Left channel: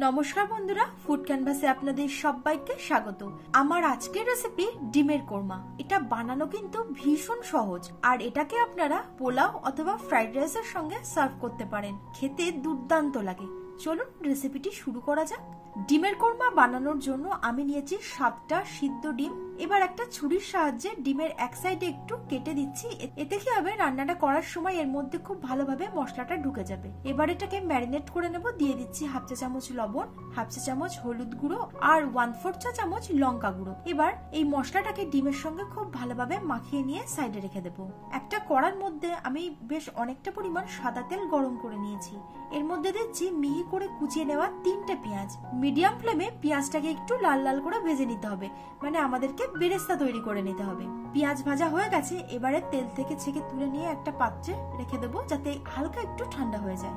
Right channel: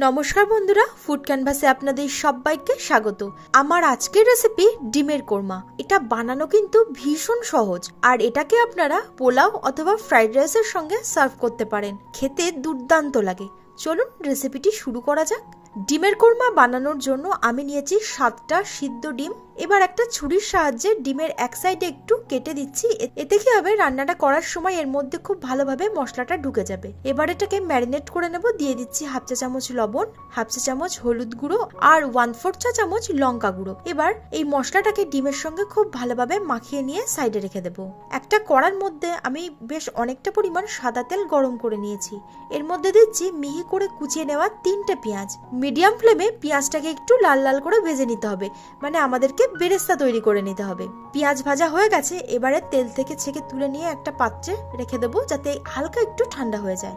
নমস্কার বন্ধুরা, ফুড ক্যানভাসে আপনাদের সবাইকে স্বাগত। আমার আজকের রেসিপি ডিমের কোরমা। এটা বানানো কিন্তু ভীষণ সহজ, আর এটাকে আপনারা পোলাও অথবা ফ্রাইড রাইসের সঙ্গে সার্ভ করতে পারেন। খেতে দুর্দান্ত লাগে। চলুন রেসিপিটি শুরু করা যাক। ডিমের কোরমা বানানোর জন্য আমি নিয়েছি 7টা সিদ্ধ ডিম। এবার একটা ছুরির সাহায্যে ডিমের এক সাইডে একটু কেটে দিচ্ছি। এতে কি হবে, রান্নাটা করার সময় এর মধ্যে খুব ভালোভাবে মশলাটা ঢুকে যাবে। এবার এটাকে ম্যারিনেট করে নেব। দিয়ে দিচ্ছি হাফ চা চামচ লবণ, হাফ চা চামচ হলুদ গুঁড়ো আর 1/4 চা চামচ লঙ্কা গুঁড়ো। এবার এই মশলাটাকে ডিমের সঙ্গে খুব ভালোভাবে মাখিয়ে নিয়ে সাইডে রেখে দেব। একটা কড়ার মধ্যে আমি বেশ অনেকটা পরিমাণ সাদা তেল গরম করে নিয়েছি। এর মধ্যে দিচ্ছি মিহি করে কুচিয়ে নেওয়া 3টে পেঁয়াজ। মিডিয়াম ফ্লেমে পেঁয়াজটাকে একটু লাল লাল করে ভেজে নিতে হবে, মানে আমাদেরকে বেরেস্তা তৈরি করে নিতে হবে। পেঁয়াজ ভাজা হয়ে গেছে। এবারে তেল থেকে ছেঁকে তুলে নিয়ে একটা পাত্রে রেখে দেবো, যাতে হালকা একটু ঠান্ডা হয়ে যায়।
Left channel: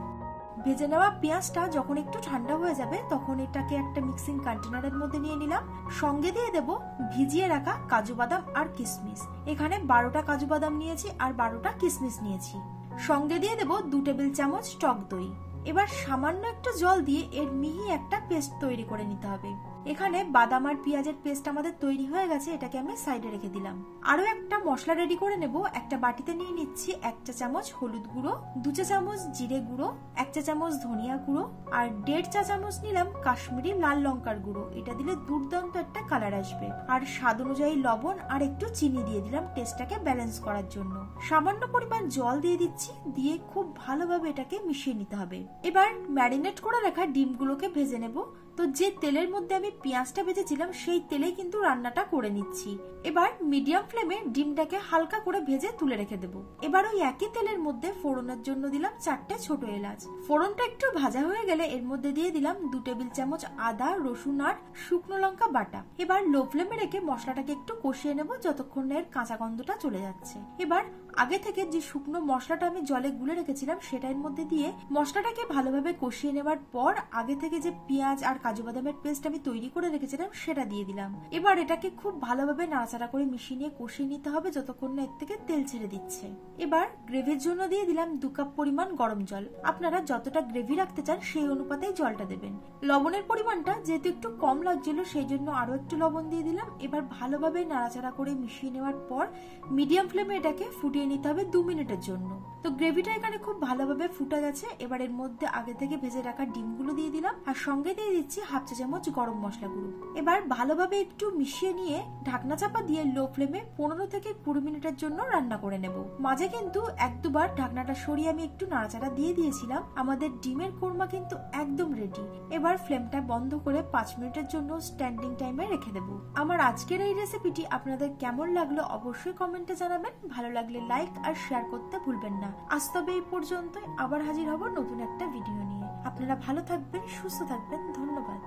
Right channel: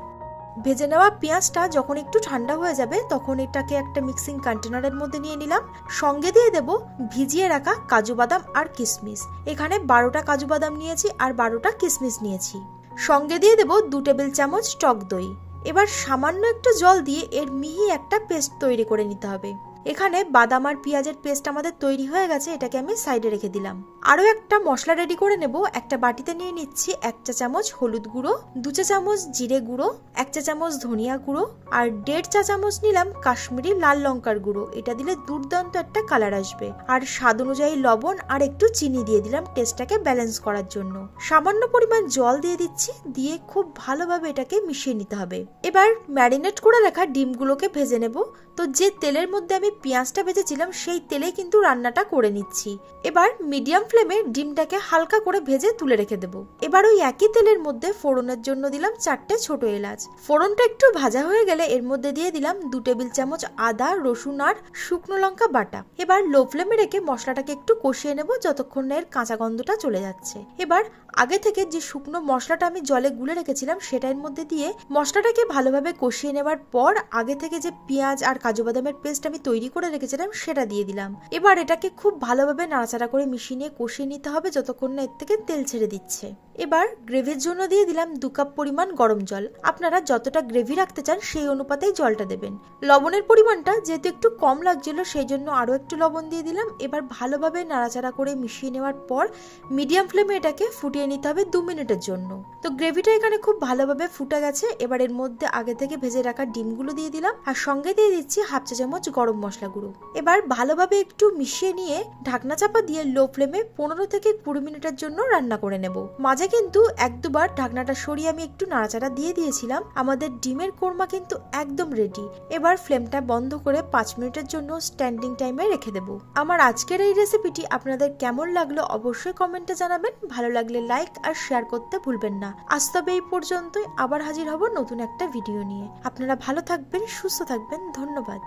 ভেজে নেওয়া পেঁয়াজটা যখন একটু ঠান্ডা হয়ে যাবে, তখন এটাকে একটা মিক্সিং কন্টেনারের মধ্যে নিয়ে নিলাম। সঙ্গে দিয়ে দেব ভিজিয়ে রাখা কাজু বাদাম আর কিশমিশ। এখানে 12টা কাজু বাদাম নিয়েছি আর 12টা কিশমিশ নিয়েছি। সঙ্গে দিয়ে দেব 2 টেবিল চামচ টক দই। এবার সামান্য একটু জল দিয়ে এর মিহি একটা পেস্ট তৈরি করে নিতে হবে। এখানে বাদাম আর পেঁয়াজের পেস্ট আমাদের তৈরি হয়ে গেছে। এটাকে আমি সাইডে রেখে দিলাম। আরো একটা মশলা রেডি করে নেব। একটা বাটিতে নিয়ে নিচ্ছি 1 চা চামচ হলুদ গুঁড়ো, 2 চা চামচ জিরে গুঁড়ো, 1 চা চামচ ধনিয়া গুঁড়ো আর 1.5 চা চামচ নিলাম কাশ্মীরি লাল লঙ্কার গুঁড়ো। এটা দিলে দুর্দান্ত একটা কালার আসবে। আর স্বাদ অনুযায়ী লবণ আর একটু চিনি দিয়ে দিলাম টেস্টটাকে ব্যালেন্স করার জন্য। সামান্য পরিমাণ জল দিয়ে দিচ্ছি। দিয়ে খুব ভালোভাবে এটাকে মিশিয়ে নিতে হবে। এবার ম্যারিনেট করে রাখা ডিমগুলোকে ভেজে নেব। তো যে তেলের মধ্যে আমি পেঁয়াজটা ভেজেছিলাম, সেই তেলেই কিন্তু রান্নাটা করে নিচ্ছি। এবার মিডিয়াম ফ্লেমে ডিমটাকে হালকা করে ভেজে তুলে রেখে দেবো। এবার ওই একই তেলের মধ্যে ফোড়নের জন্য দিলাম 4টে ছোট এলাচ। ফোড়নটা একটু ভাজা হয়ে গেলে এর মধ্যে দিয়ে দিলাম 2 টেবিল চামচ আদা, রসুন আর শুকনো লঙ্কা বাটা। এবার লো ফ্লেমে রেখে মশলাটাকে একটু কষিয়ে নেব, যতক্ষণ না এর কাঁচা গন্ধটা চলে যাচ্ছে। এবার আগে থেকে যে শুকনো মশলাটা আমি জলে গুলে রেখেছিলাম, সেটার মধ্যে দিয়ে মশলাটাকে ভালোভাবে কষিয়ে নেবার পর আগে থেকে যে পেঁয়াজ আর কাজু বাদামের পেস্ট আমি তৈরি করে রেখেছিলাম, সেটা দিয়ে দিলাম। এবার এটাকে খুব ভালোভাবে নাড়াচাড়া করে মিশিয়ে নিয়ে কষিয়ে নিতে হবে, যতক্ষণ না এর থেকে তেল ছেড়ে দিচ্ছে। এবার গ্রেভির জন্য দিয়ে দিলাম 2 কাপ পরিমাণ গরম জল। আপনারা যতটা গ্রেভি রাখতে চান সেই অনুপাতেই জলটা দেবেন। লবণের পরিমাণটা যেহেতু একটু কম লাগছিল, সেই জন্য আরো একটু লবণ দিয়ে দিলাম। এবার ভালোভাবে নাড়াচাড়া করে মিশিয়ে নেওয়ার পর মিডিয়াম ফ্লেমে এটাকে ফুটিয়ে নিতে হবে 2 মিনিটের জন্য। তো গ্রেভিটা এখানে খুব ভালোভাবে ফুটে গেছে। এবার এর মধ্যে আগে থেকে ভেজে রাখা ডিমগুলো দিয়ে দিলাম আর সঙ্গে দিয়ে দিচ্ছি হাফ চা চামচ গরম মশলা গুঁড়ো। এবার ভালোভাবে একটু মিশিয়ে নিয়ে ঢাকনা চাপা দিয়ে লো ফ্লেমে 15 থেকে 20 মিনিটের জন্য রান্না করে নেব। মাঝে কিন্তু 1-2 বার ঢাকনাটা সরিয়ে আমি একটু নাড়াচাড়া দিয়ে দিয়েছিলাম। আমাদের ডিমের কোরমা কিন্তু একদম রেডি। এবার ফ্লেমটা বন্ধ করে 5 মিনিটের জন্য স্ট্যান্ডিং টাইমে রেখে দেব। আমার আজকের এই রেসিপিটি আপনাদের কেমন লাগলো অবশ্যই কমেন্টে জানাবেন। ভালো লাগলে লাইক আর শেয়ার করতে ভুলবেন না। আজ তবে এই পর্যন্তই। আবার হাজির হব নতুন একটা ভিডিও নিয়ে। আপনারা ভালো থাকবেন, সুস্থ থাকবেন। ধন্যবাদ।